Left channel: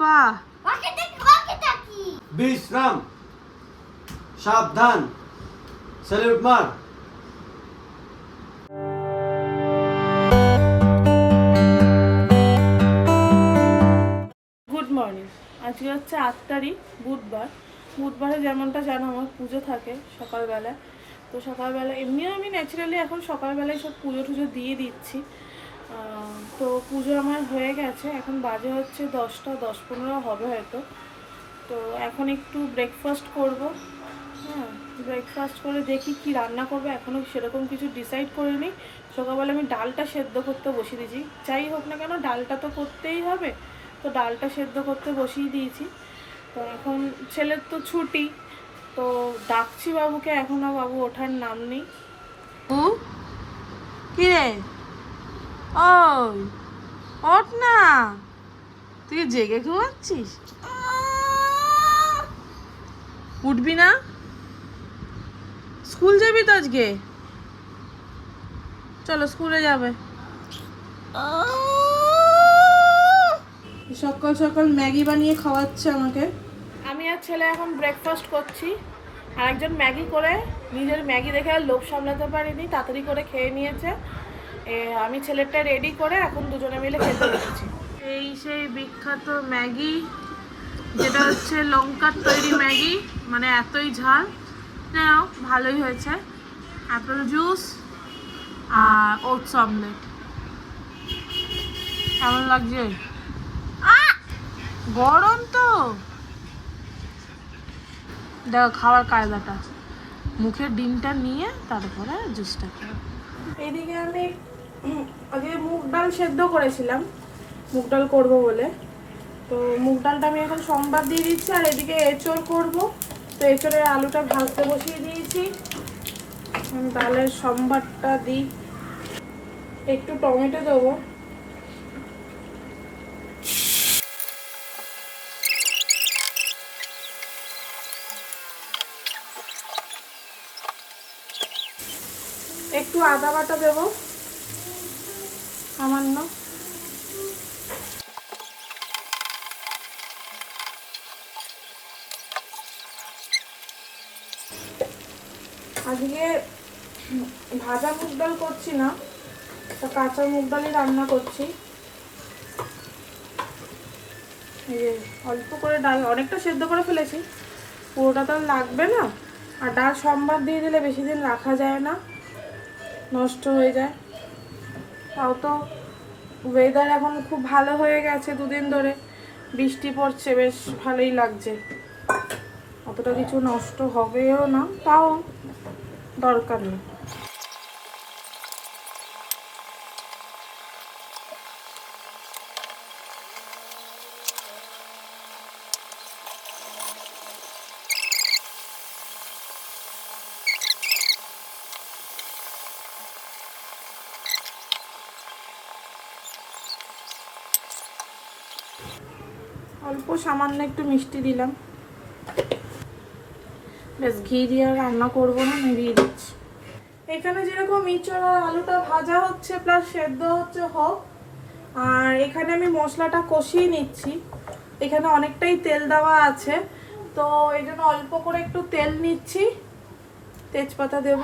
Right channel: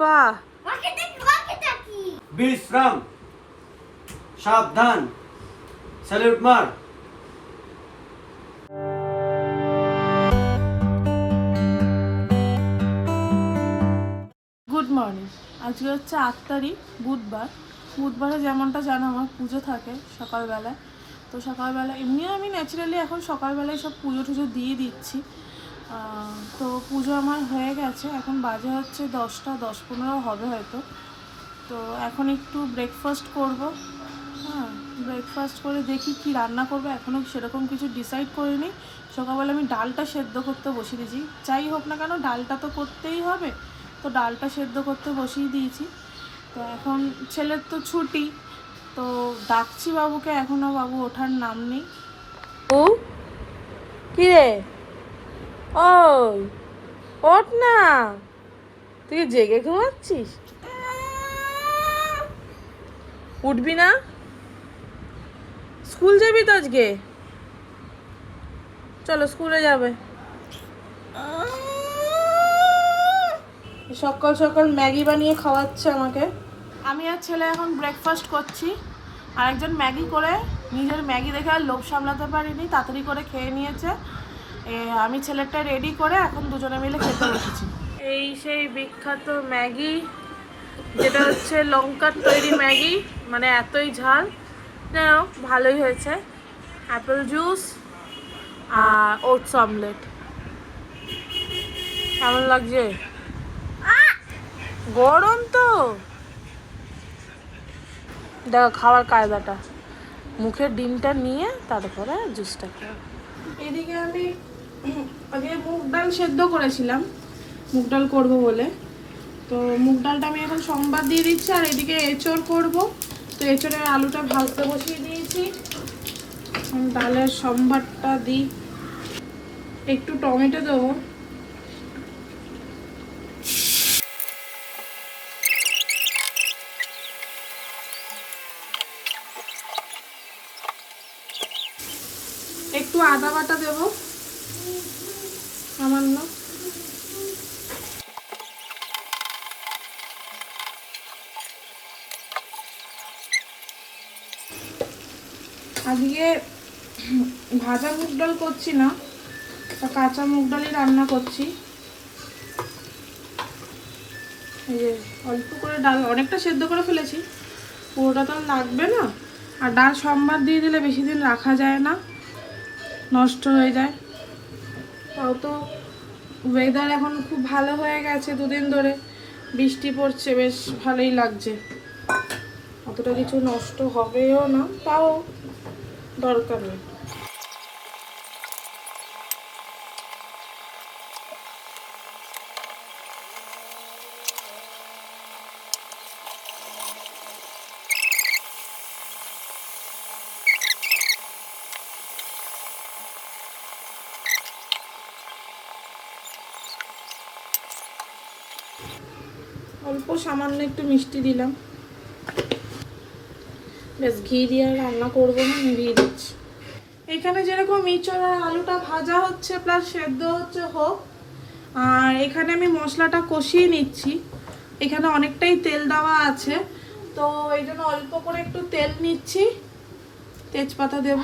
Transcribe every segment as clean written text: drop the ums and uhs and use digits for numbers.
বাবা, বিশ্রাম, সাবধান, স্যালুট মার। Good morning. আজকে হচ্ছে 8 তারিখ, বুধবার। বুধবারে যেমনটা জানো আমার পুজো থাকে সকালবেলা। তো সকালবেলা এমনিও আমি ন্যাচারালি এখন সকালবেলায় সব পুজো টুজো দিয়ে দিচ্ছি। তো পুজো আমার হয়ে গেছে, এখন বাজে হচ্ছে 10টা 10-15 হবে হয়তো। তো এখন একটু ব্রেকফাস্ট করব। হ্যাঁ, ব্রেকফাস্ট করে দেখি কি রান্না করবো, এখনও সেরকম কিছু ডিসাইড করিনি। সকালবেলা আমি ডালটা সেদ্ধ করতে বসিয়ে দিয়েছি, যাই হোক না কেন ডালটা তো করতেই হবে। তো ডালটা সেদ্ধ করতে বসিয়ে দিয়েছি। তো এখন ছেলের তো ছুটি, তো ডাকছি বাবুকে, এখনও বাবু ওঠার নাম নেই। ও কি রে, ওই ওঠ না, তুই জেগে ঘুমাচ্ছিস? উঠবি না? স্কুল যাবি তো আজকে? চলো স্কুলে যাবে। সকাল সকাল ম্যাগি বানিয়ে খাওয়াচ্ছে আমাকে। আমি আর ছেলে এখন ব্রেকফাস্ট করছি। আরেকজন ম্যাগি করে নিজের ম্যাগি দেখে আর লোভ সামলাতে পারিনি, তাড়াতাড়ি করে খেয়ে নিয়েছে। আমি ছেলেটা রেডি করে এখন দুজনে মিলে খেতে বসেছি। এই সেই বিখ্যাত ম্যাগি, যেটা হচ্ছে লঙ্কার তৈরি ম্যাগি, মানে এতই ঝাল। যাই হোক ভালোই হয়েছে। অ্যাপেল জুস আর ওটস অমলেট। কেমন লাগছে? গরম তো, দেখো খাওয়ার কায়দাটা, মুখে ডিমটা নিয়ে তারপরে জুসটা খাও। এদিকে আমি আগে মুগ ডাল সেদ্ধ করেছিলাম, মুগ ডাল করবো বলে। তো মুগ ডালটা আমি এখন সম্বার দিয়ে দিচ্ছি, আর এদিকে এঁচড় করব। তো এঁচড়ের আলুটা ভাজতে বসিয়ে দিয়েছি। ডালের সম্বারটা দিই, একটু টমেটো দেবো। একটু আদা বাটা দেবো সামান্য। আজকে ভাজা মুগ ডাল করছি না, কাঁচা মুগ ডালই রান্না করছি। এই যে অল্প করে ডাল, অনেকটা সেদ্ধ করে ফেলেছি, পুরোটা তো লাগবে না। আর ডাল সম্বার দিয়ে দিলে বেশি দিন রাখা যায় না, নষ্ট হয়ে যায়। তাও তো ওয়েদার এখন খুব ভালো হয়ে গেছে, দুদিন ধরে বৃষ্টি পড়ছে, বেশ ভালোই লাগছে। অতটা কিছু নষ্ট হবেও না, তাও দরকার নেই। অল্প সামান্য একটু মিষ্টি দিলাম, বেশ ঘি দিয়ে আর রান্না করবো না, আমি দিয়ে দিচ্ছি। এখানে যেরকম ইঁচড় আর আলুটা ভাজা হচ্ছে প্লাস সেদ্ধ হচ্ছে হোক, আর এখানে আমি মশলাটা কষিয়ে নিচ্ছি। এখানে অনেকটাই তেল দেওয়া আছে, তো এই জন্য অল্প করে একটু তেল নিচ্ছি। তেজপাতা দেব,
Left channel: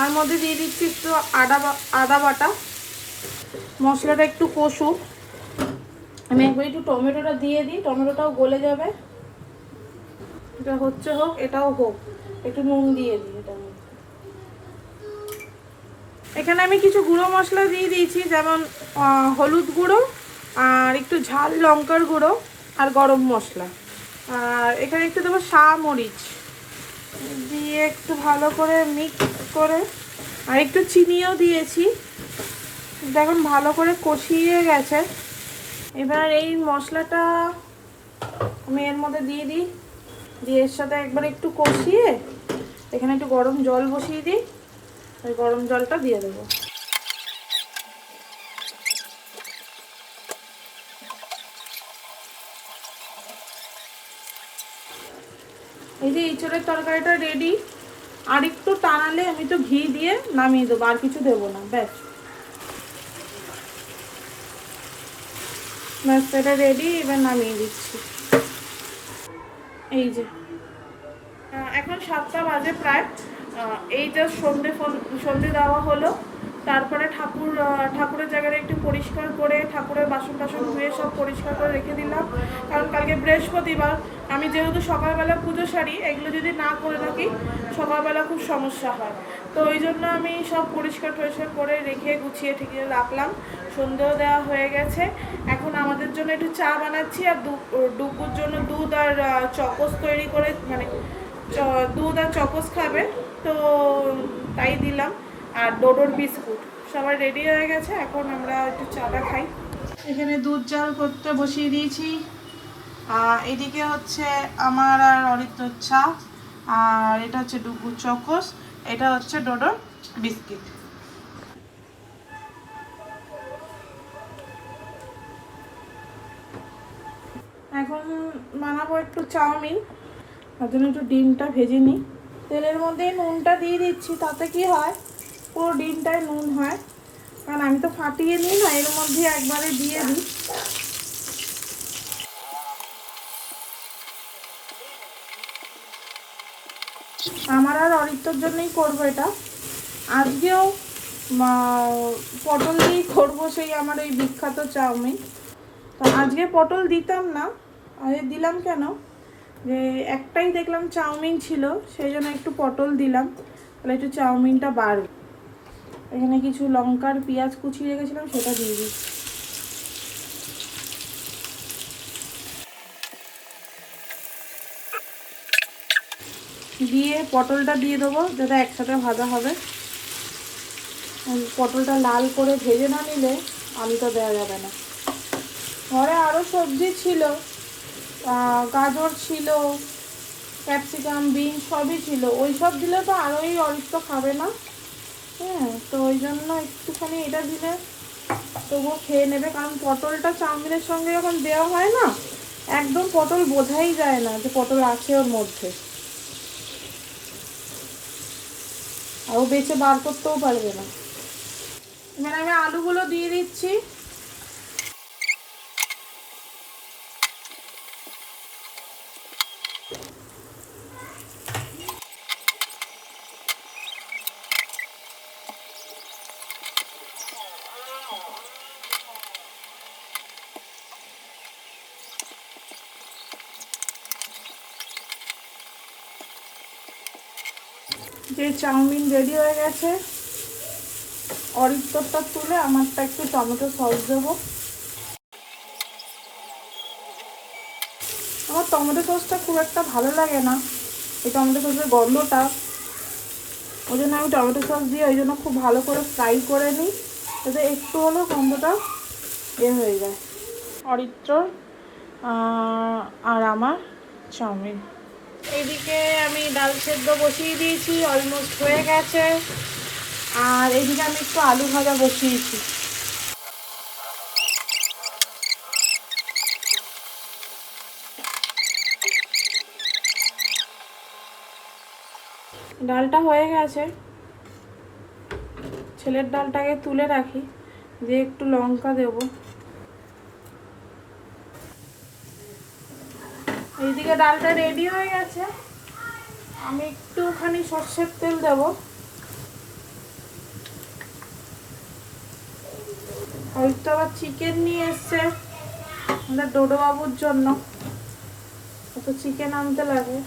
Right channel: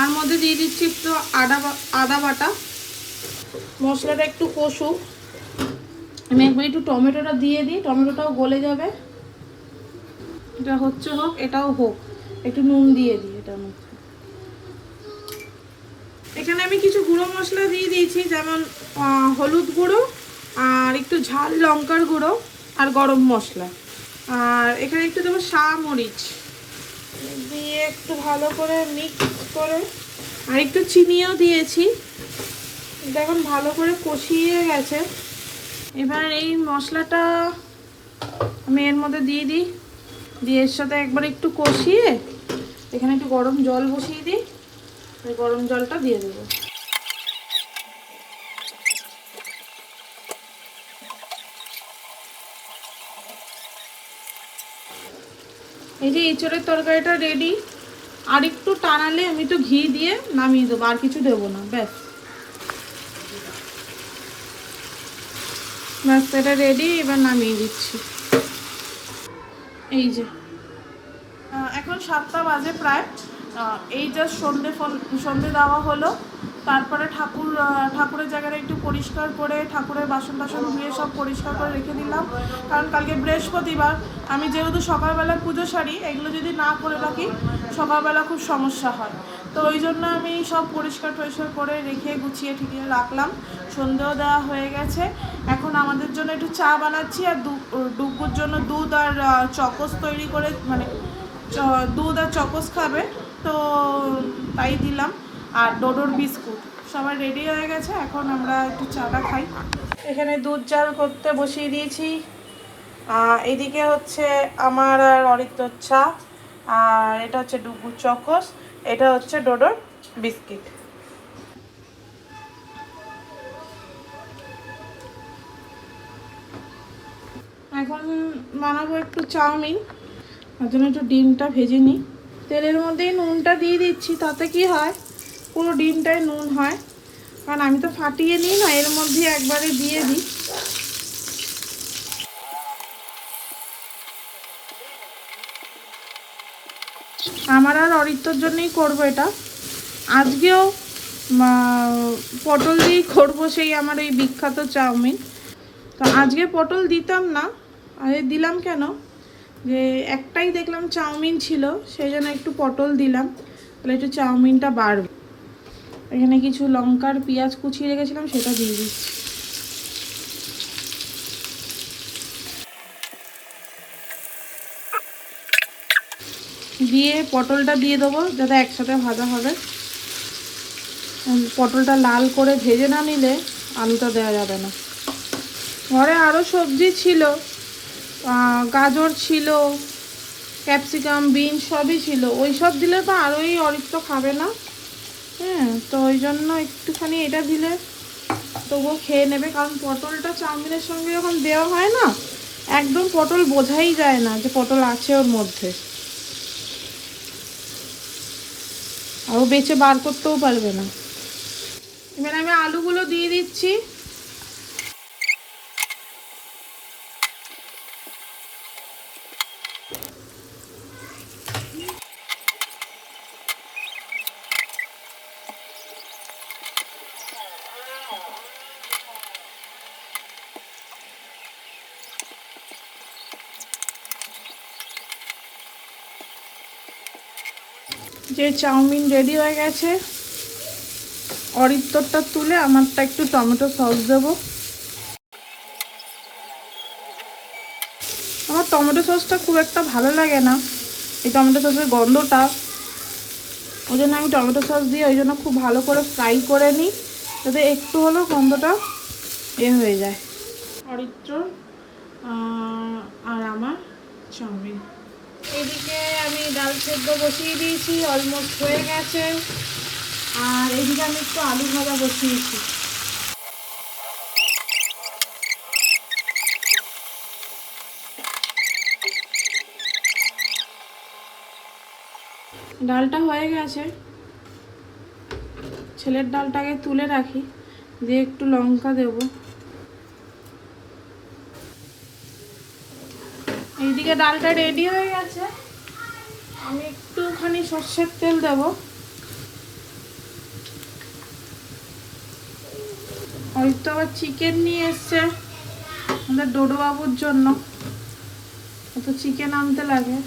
তার মধ্যে দিয়ে দিচ্ছি একটু আদা বাটা। মশলাটা একটু কষুক, আমি একবার একটু টমেটোটা দিয়ে দিই, টমেটোটাও গলে যাবে। এটা হচ্ছে হোক, এটাও হোক, একটু নুন দিয়ে দিই এটার মধ্যে। এখানে আমি কিছু গুঁড়ো মশলা দিয়ে দিয়েছি, যেমন হলুদ গুঁড়ো, আর একটু ঝাল লঙ্কার গুঁড়ো, আর গরম মশলা। আর এখানে একটু দেবো মরিচ দিয়ে একটু ভালো করে মিক্স করে, আর একটু চিনিও দিয়েছি। এখন ভালো করে কষিয়ে গেছে। এবার এই মশলাটা আমি এর মধ্যে দিয়ে দিই, দিয়ে এর সাথে একবার একটু কষিয়ে এখানে একটু গরম জল বসিয়ে দিই, ওই গরম জলটা দিয়ে দেবো। এই যে এঁচড়ের তরকারিটা রেডি। আর একটু টানালে আমি তো ঘি দিয়ে নামিয়ে দেবো, আর কিছু দেবো না, ব্যাস। ব্যাস এটা রেডি, এবার নামিয়ে দিচ্ছি। এই যে এখন 7টা বাজে প্রায়। এই জাস্ট সন্ধে দেওয়া হলো। তারপরে ঠাকুরের জায়গাটা একটু পরিষ্কার করে, ঠাকুরের বাসন টাসন ধুয়ে সব পরিষ্কার করে রেখে দিলাম। কারণ কালকে বৃহস্পতিবার, আমি যেহেতু সকালবেলা পুজো সারি, এগুলো যদি না করে রাখি সকালবেলা খুব সমস্যা হয়। তো ওই জন্য আমি সব পরিষ্কার করে রেখে গুছিয়ে ঠিকিয়ে রাখলাম। সন্ধেও দেওয়া হয়ে গেছে। এখন আমাদের জন্য একটু চা বানাচ্ছি, আর ডুগুর জন্য দুধ আর চকোস তৈরি করে, মানে দুধ আর চকোস খাবে, তো তাই দিলাম। আর ডোডোর বিস্কুট সবাই রেডি হয়ে গেছে, এখন আমরা একটু চাটা খাই। এখানে দুধ জাল করতে বসিয়ে দিয়েছি। এদিকে হচ্ছে আমার আর অরিত্রর চা, আর এটা হচ্ছে ডুগুর চকোস, এটা হচ্ছে ডোডোর বিস্কিট। এখন বানাবো একটু চাউমিন, তার জন্য একটু ডিমটা ভেজে নিই। তেলের মধ্যেই নুনটা দিয়ে দিচ্ছি, তাতে কি হয় পুরো ডিমটাই নুন হয়। কারণ আমি তো ফাটিয়ে নিই না, এর মধ্যে একবারে দিয়ে দিই। আমার আর অরিত্রর জন্যই করবো এটা। আজকেও পটল দিয়েই করবো, সেই আমার এই বিখ্যাত চাউমিন। তো আজকে পটল দিতাম না, দিলাম কেন, যে একটাই দেখলাম চাউমিন ছিল, সেই জন্য একটু পটল দিলাম, তাহলে একটু চাউমিনটা বাড়বে। এখানে কিছু লঙ্কার পেঁয়াজ কুচিয়ে রেখেছিলাম, সেটা দিয়ে দিচ্ছি। দিয়ে পটলটা দিয়ে দেবো, যাতে একসাথে ভাজা হবে। পটলটা লাল করে ভেজে না নিলে আলুটা দেওয়া যাবে না। ঘরে আরও সবজি ছিল, গাজর ছিল, ক্যাপসিকাম, বিনস সবই ছিল। ওই সব দিলে তো আরোই অরিত্র খাবে না। হ্যাঁ, তো ওই জন্য একটুখানি এটা দিলে তবুও খেয়ে নেবে। কারণ পটলটা চাউমিনের সঙ্গে যখন দেওয়া হয় না, একদম পটল বোঝাই যায় না যে পটল আছে ওর মধ্যে, আর ও বেছে বার করতেও পারবে না। এবার আমি আলুগুলো দিয়ে দিচ্ছি। যে চাউমিন রেডি হয়ে গেছে, অরিত্রটা তুলে আমারটা একটু টমেটো সস দেবো। আমার টমেটো সসটা খুব একটা ভালো লাগে না, এই টমেটো সসের গন্ধটা, ওই জন্য আমি টমেটো সস দিয়ে ওই জন্য খুব ভালো করে ফ্রাই করে নিই, যাতে একটু হলেও গন্ধটা হয়ে যায়। অরিত্র আর আমার চাউমিন। এইদিকে আমি ডাল সেদ্ধ বসিয়ে দিয়েছি, অলমোস্ট হয়ে গেছে। আর এইদিকে আমি একটু আলু ভাজা বসিয়েছি। ডালটা হয়ে গেছে, ছেলের ডালটাকে তুলে রাখি, দিয়ে একটু লঙ্কা দেব। এইদিকে ডালটা রেডি হয়ে গেছে, আমি একটুখানি সর্ষের তেল দেব। হয়তো আবার চিকেন নিয়ে এসছে আমাদের ডোডো বাবুর জন্য, তো চিকেন আনতে লাগে,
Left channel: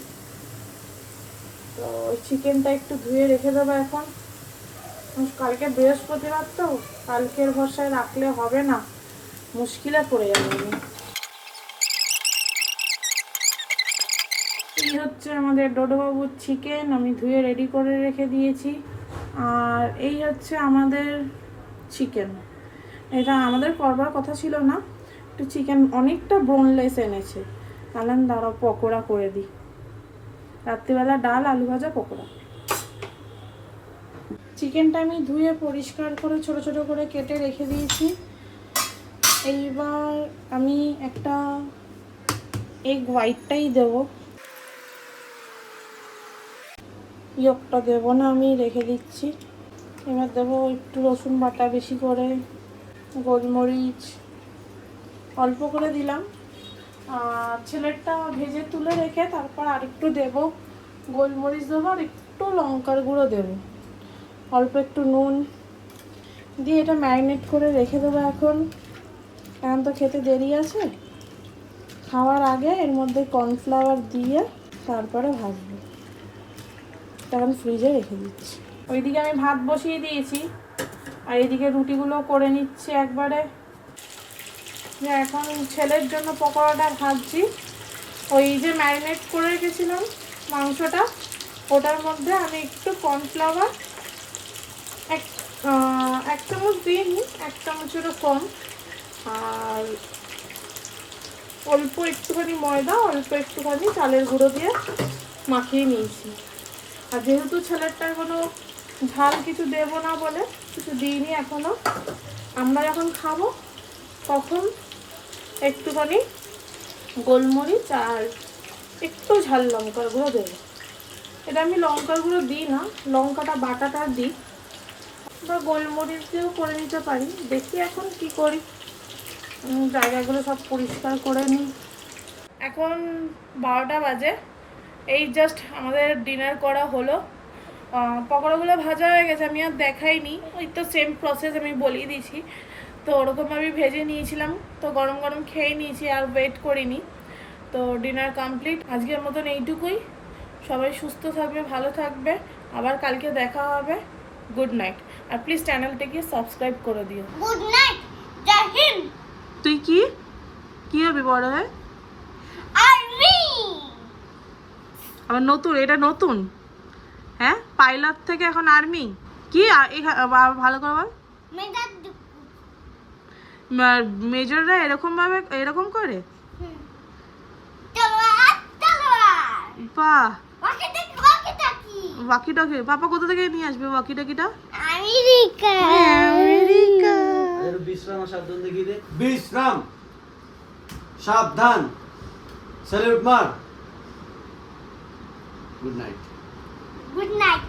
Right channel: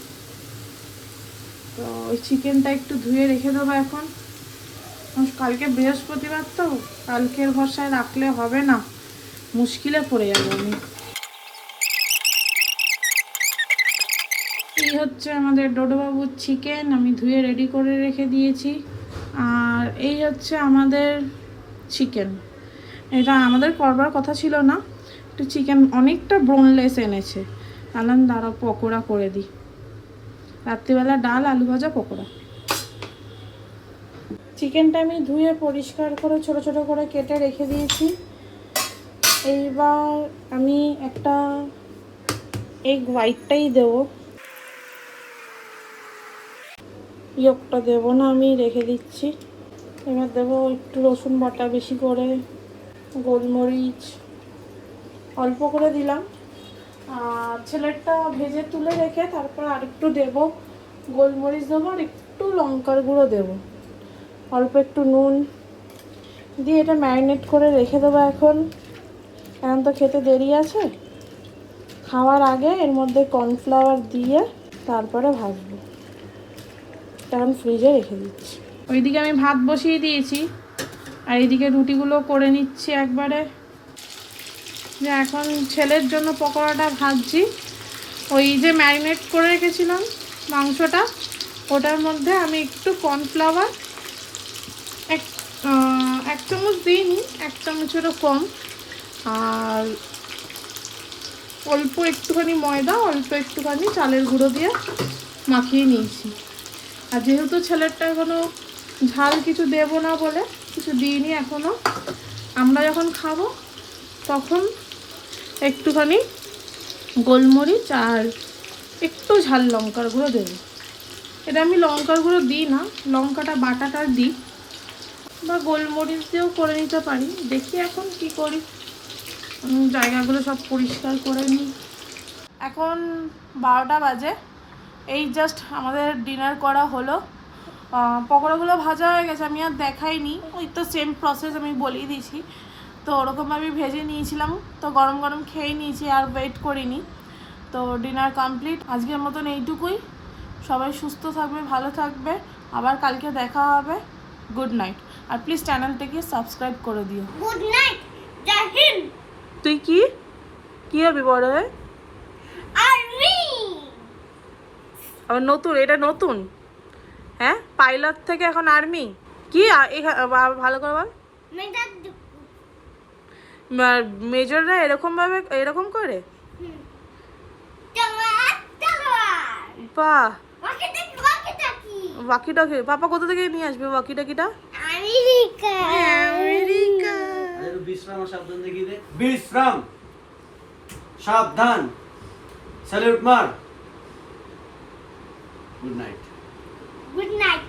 তো ওই চিকেনটা একটু ধুয়ে রেখে দেবো এখন। কালকে বৃহস্পতিবার, তো কালকের ভরসায় রাখলে হবে না, মুশকিলে পড়ে যাবো আমি। এই হচ্ছে আমাদের ডোডোবাবুর চিকেন, আমি ধুয়ে রেডি করে রেখে দিয়েছি। আর এই হচ্ছে আমাদের চিকেন, এটা আমাদের করবার কথা ছিল না, একটু চিকেন অনেকটা বোনলেস এনেছে, তাহলে দাঁড়াও পকোড়া করে দিই। রাত্রিবেলা ডাল, আলু ভাজা, পকোড়া। চিকেনটা আমি ধুয়ে পরিষ্কার করে ছোট ছোট করে কেটে রেখে দিয়েছি। এইবার আমি একটা এগ হোয়াইটটাই দেবো। ইয়কটা দেবো না, আমি রেখে দিচ্ছি। এবার দেবো একটু রসুন বাটা বেশি করে, গোলমরিচ অল্প করে দিলাম। আর ছেলেরটা ভেজে তুলে রেখে তারপর আরেকটু দেবো, গোলমরিচ দেবো আর একটু লঙ্কার গুঁড়ো দেবো, অল্প একটু নুন দিয়ে এটা ম্যারিনেট করে রেখে দেবো। এখন তো খেতে দেরি আছে, খাওয়ার আগে এর মধ্যে কর্নফ্লাওয়ার দিয়ে তারপরে ভাজবো। তখন ফ্রিজে রেখে দিচ্ছি। ওইদিকে আমি ভাত বসিয়ে দিয়েছি আর এইদিকে রুটিগুলো করে নিচ্ছি একবারে। যে এখন ছেলের জন্য পকোড়াটা ভাজছি। ওই যে ম্যারিনেট করে রেখেছিলাম মাংসটা, ওটার মধ্যে আমি একটু কর্নফ্লাওয়ার এক চামচ দিইনি, 1 চামচেরও কম, আর অল্প একটুখানি ময়দা, অল্প একটুখানি চালের গুঁড়ো দিয়ে মাখিয়ে নিয়েছি। আর যেহেতু ছেলেরটা এখনও ঝাল কিছু দেবো না বলে কিছু দিইনি এখনও, আমরা যখন খাবো তখন একটুখানি গোলমরিচ আর একটু ঝাল লঙ্কার গুঁড়ো দেবো। এটা আমি লঙ্কার গুঁড়ো দিই না, লঙ্কাটা বাটাটা দিই, বা গোলমরিচ দিয়েও করে নিতে পারি। দেখি এখন কি করি, জায়গাগুলো সব পরিষ্কার করে নিই। এখন 12টা বাজে, এই জাস্ট আমাদের ডিনার করা হলো। পকোড়াগুলো ভাজা হয়ে গেছে, আমি আর দেখাইনি, ওই তো সেম প্রসেস আমি বলেই দিয়েছি। তো ওরকম আমি ভেজে নিয়েছিলাম, তো গরম গরম খেয়ে নিয়েছি, আর ওয়েট করিনি। তো ডিনার কমপ্লিট, আজকের মতন এইটুকুই। সবাই সুস্থ থাকবে, ভালো থাকবে, আবার কালকে দেখা হবে। Good night. আর প্লিজ চ্যানেলটাকে সাবস্ক্রাইব করে দিও। গুড নাইট, জয় হিন্দ। তুই কি হবে বড় হয়ে? আর্মি। আবার নতুন, এটা নতুন? হ্যাঁ, পাইলট থেকে এখন আর্মি। কি ভালো করে বল। মেজাজ মেজররা এরকম করে? তলোয়ার তলোয়ার। বাহ, ওয়াকি-টকি। ওয়াকিটকি। পাপা কোথা থেকে নিয়ে আসবে ওয়াকিটকিটা? আমেরিকা। আমেরিকা। বিশ্রাম সাবধান দেখিয়ে দে। বিশ্রাম সাবধান, স্যালুট মার। Good night. Good night.